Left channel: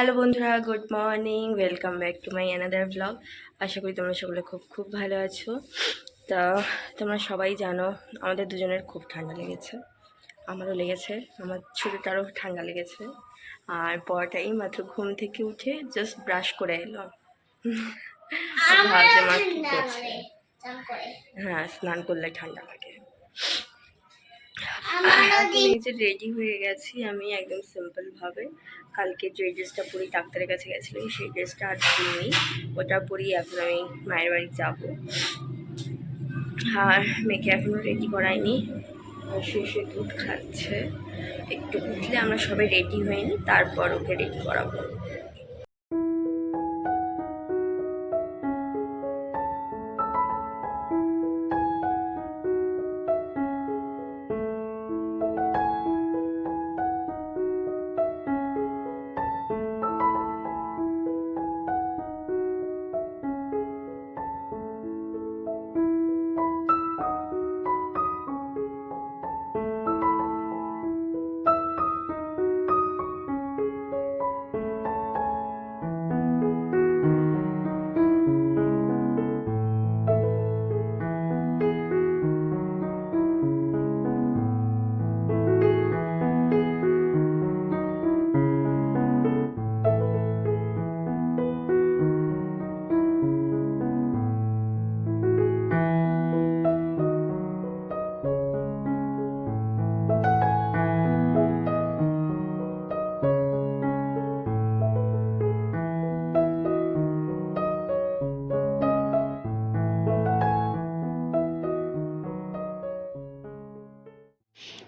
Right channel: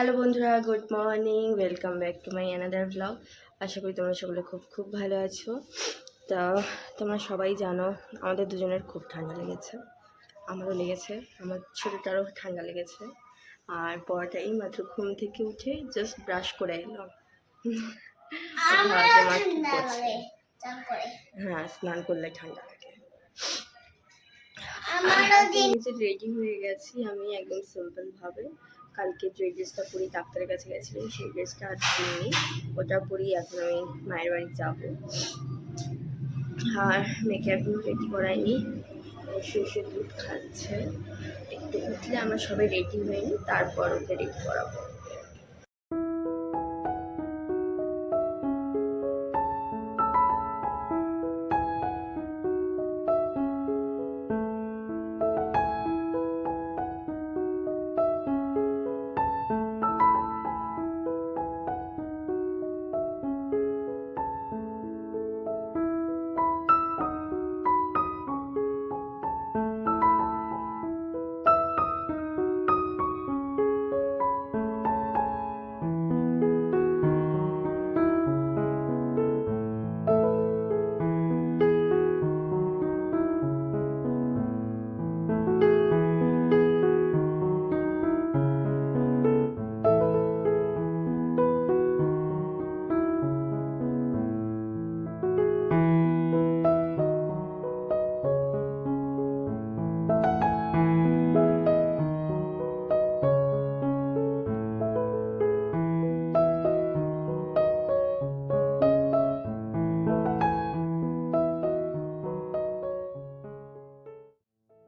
Hello বন্ধুরা good morning welcome back to my another blog. আশা করি তোমরা সকলে খুব খুব ভালো আছো। তা তোমরা সবাই জানো আমাদের দুজনের খুব ঠান্ডা লেগেছে। আমারও লেগেছে আমার ছোটোটারও ঠান্ডা লেগেছে। আর পরটা এই মাত্র ঘুম থেকে উঠে জাস্ট ব্রাশ করে এলো। ভাবছে মা কী করছে। হ্যাঁ স্নান করলে ঠান্ডা লাগে। যে রেডি হয়ে গেছি আমি একদম সিম্পল ভাবে। কালকে যে ড্রেসটা পরি ডাক্তারের কাছে গেছিলাম সেই ড্রেসটা আর পরিনি। ওটা পরি এখন আমি মায়ের বাড়ি যাব। আর মেয়েকে এখনও রেডি করাইনি। শুয়ে দুধ খাচ্ছে। একটু উঠলে আমরা সবাই রেডি হয়নি তারপর ওকে রেডি করাবো।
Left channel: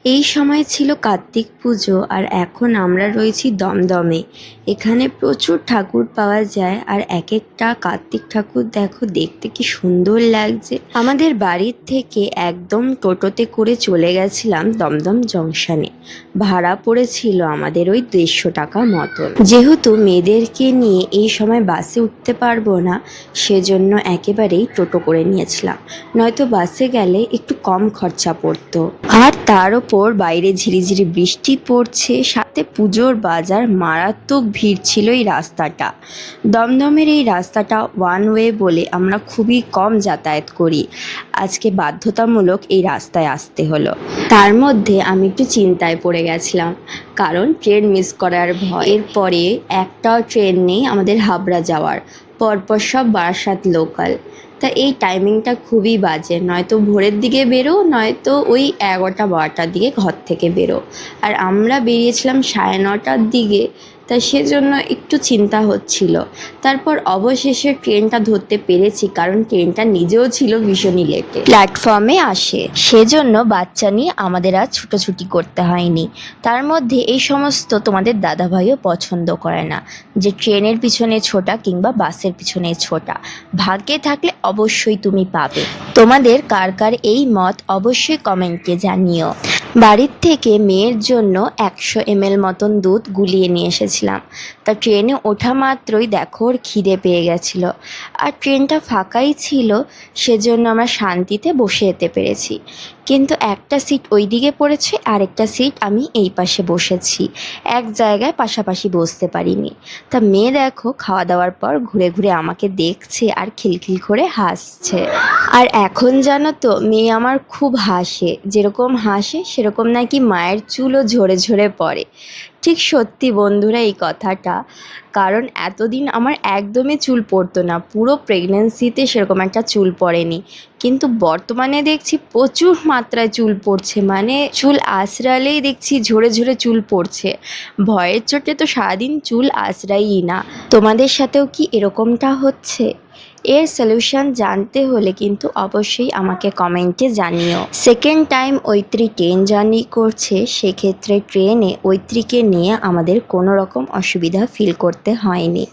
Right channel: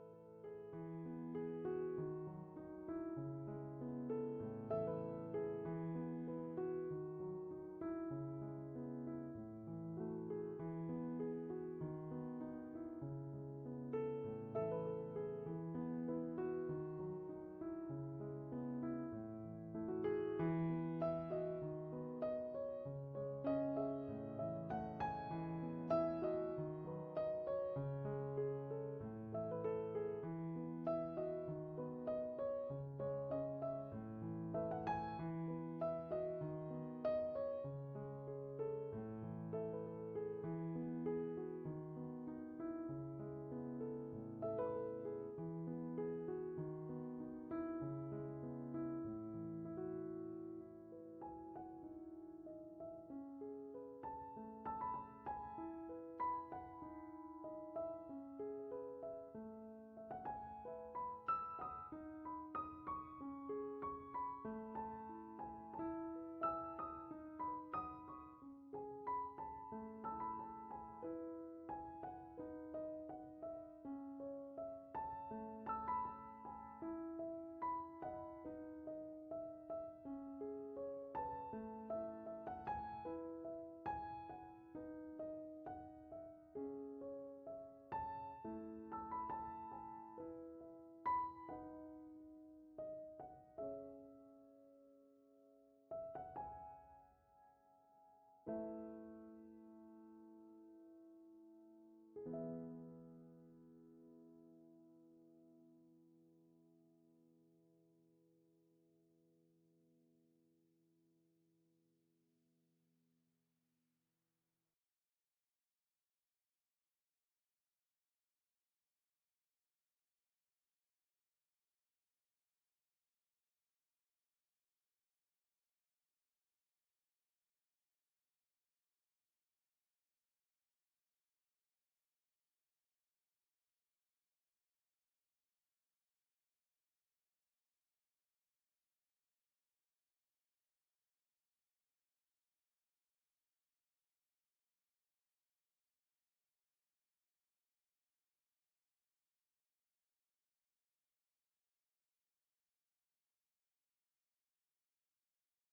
এই সময় ছিল কার্তিক পুজো আর এখন আমরা রয়েছি দমদমে। এখানে প্রচুর ঠাকুর পাওয়া যায় আর এক একটা কার্তিক ঠাকুর দেখো, দেখতে কি সুন্দর লাগছে। আমাদের বাড়ির থেকে একদম টোটোতে করে চলে গেছিলাম দমদম জংশনে। ভাড়া পড়েছিল আমাদের ওই দেড়শো টাকা মতন। যেহেতু মেয়েদেরকে নিয়ে এই সময় বাসে উঠতে পারব না, সেজন্য একেবারেই টোটো করে নিয়েছিলাম। নয়তো বাসে গেলে একটু কম খরচা পড়তো। আর তার ওপর বাইরে ঝিরিঝিরি বৃষ্টি পড়ছে, সাথে পুজোর বাজার মারাত্মক ভিড় ছিল এই রাস্তাটা। দমদমের এই রাস্তাটা ওয়ান ওয়ে বলে আমরা খুবই কম যাতায়াত করি। আজকে বাধ্যতামূলক এই রাস্তায় আসতে হলো। তার মধ্যে আমি একটু চিন্তায় পড়ে গেছিলাম, কারণ ট্রেন মিস করার ভয়। এরপরে একটাও ট্রেন নেই আমাদের হাবড়া যাওয়ার। পরপর সব বারাসাত লোকাল তা এই টাইমিংটা খুবই বাজে। নয়তো ভোরের দিকে বেরো, নয়তো ওই এগারোটা, বারোটার দিকে ঘর থেকে বেরো। আর আমরা বেরিয়েছিলাম সাড়ে নটার দিকে। তা সেজন্য একটু চিন্তা হচ্ছিল। তারপর অবশেষে ট্রেনটা ধরতে পেরেছি, কারণ ট্রেনটা নিজেও ছিল ভীষণই লেটে। প্ল্যাটফর্মে আসে। সেজন্য বাচ্চা নিয়ে আমাদের আর ছুটোছুটি করতে হয়নি। তার মধ্যে এই সমস্ত তোমাদের দাদাভাইও পছন্দ করে না, যে ট্রেনের পিছনে ছোটা কিংবা বাসের পিছনে ছোটা। ভাগ্যে থাকলে অবশ্যই তুমি পাবে। তোমাদের কার কার এই মত অবশ্যই কমেন্টে জানিও। বাড়ির থেকে মেয়ের জন্য একশো এমএল মতন দুধ গুলিয়ে নিয়ে এসেছিলাম। তা ট্রেনে ওঠা মাত্রই দেখো ওর খিদে পেয়ে গেছিল। আর ট্রেনটা ফাঁকাই ছিল, সেজন্য আমরা শান্তিতে বসে যেতে পেরেছি। কিন্তু একটা সিট ওই দিকে পড়েছে আর একটা সিট আমি এই পাশে বসেছি। এক জায়গায় পাশাপাশি বসতে পারিনি। তা মেয়ে দেখো খাওয়া দাওয়ার পর ঘুরে ঘুরে আমাকে দেখছে আর খিলখিল করে হাসছে। আর এখন জানো তো, মেয়ে আমার খুব হাসে। যেরকম হাসে সেরকম নাকি মায়ের চুলও ঝরে ঝরে পড়ে। ঠিক সত্যি বন্ধুরা এই কথাটা। কারণ এতদিন আমার একদমই চুল পড়তো না। পুরো প্রেগনেন্সিতে সেরকম একটা চুল পড়েনি। কিন্তু বর্তমানে দেখছি প্রচুর মাত্রায় চুল পড়ছে। মানে চুল আঁচড়ালেই দেখছি ঝরে ঝরে চুল পড়ছে। ভয়ের চোটে তো সারাদিন চুল আঁচড়াই না। তোমাদের সাথেও কি এরকমটা হচ্ছে? এর সলিউশন জানতে হলে কিন্তু অবশ্যই আমাকে কমেন্টে জানিও। Second time Aitri train journey করছে, সেক্ষেত্রে ট্রেনে ঐত্রীকে নিয়ে আমাদের কোনো রকম অসুবিধা ফিল করতে হয়নি।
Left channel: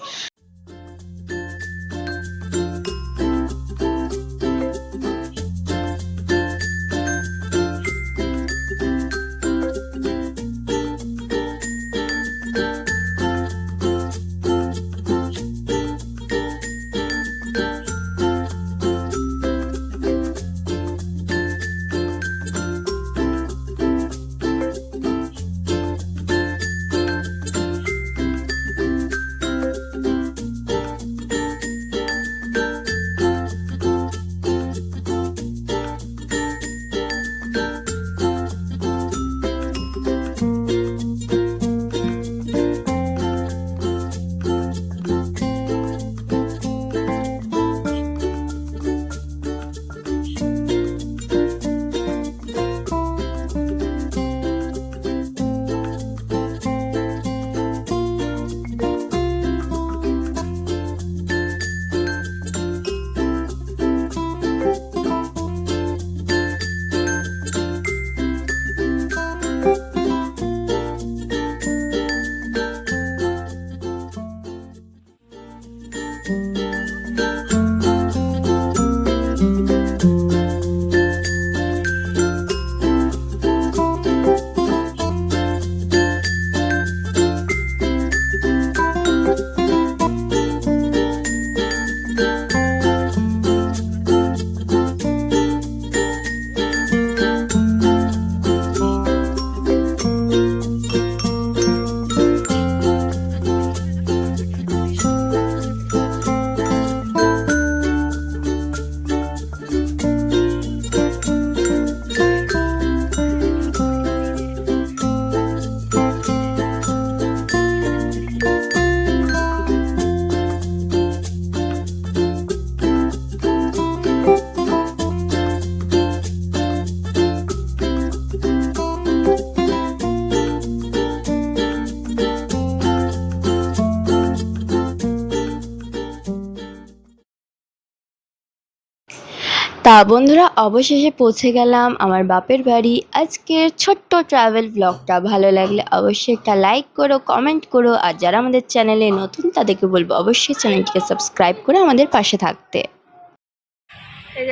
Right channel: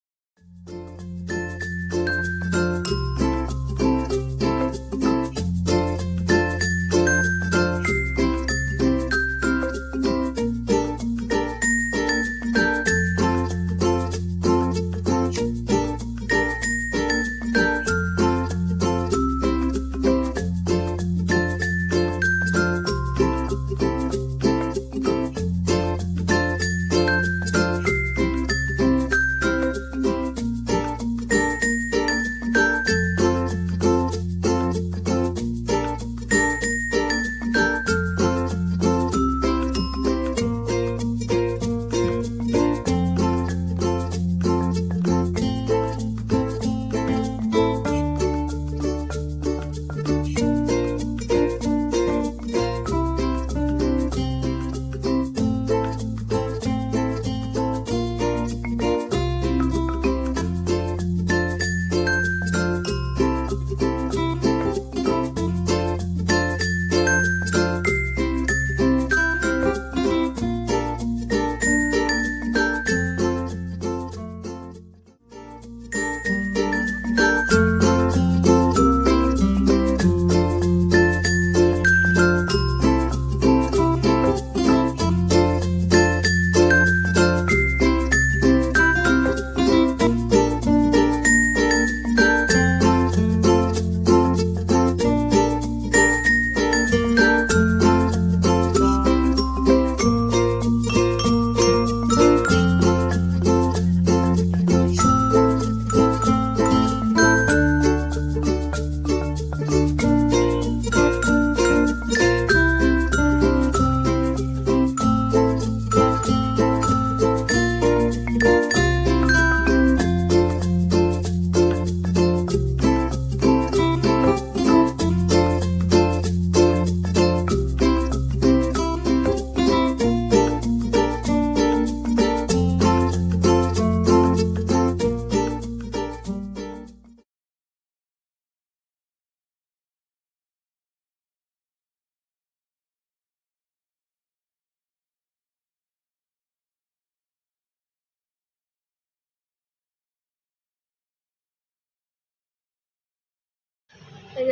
তা বন্ধুরা, অবশেষে পৌঁছে গেলাম আমার বাপের বাড়ি। আজকের ছোট্ট ট্রাভেল ব্লগটা ভালো লাগলে অবশ্যই একটা লাইক করো কমেন্ট করো, আর যারা আমাদের চ্যানেলে নতুন, তাদেরকে বলব অবশ্যই চ্যানেলটিকে সাবস্ক্রাইব করে আমাদের পাশে থাকতে।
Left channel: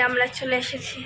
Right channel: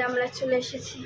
আমরা চলে এসেছি।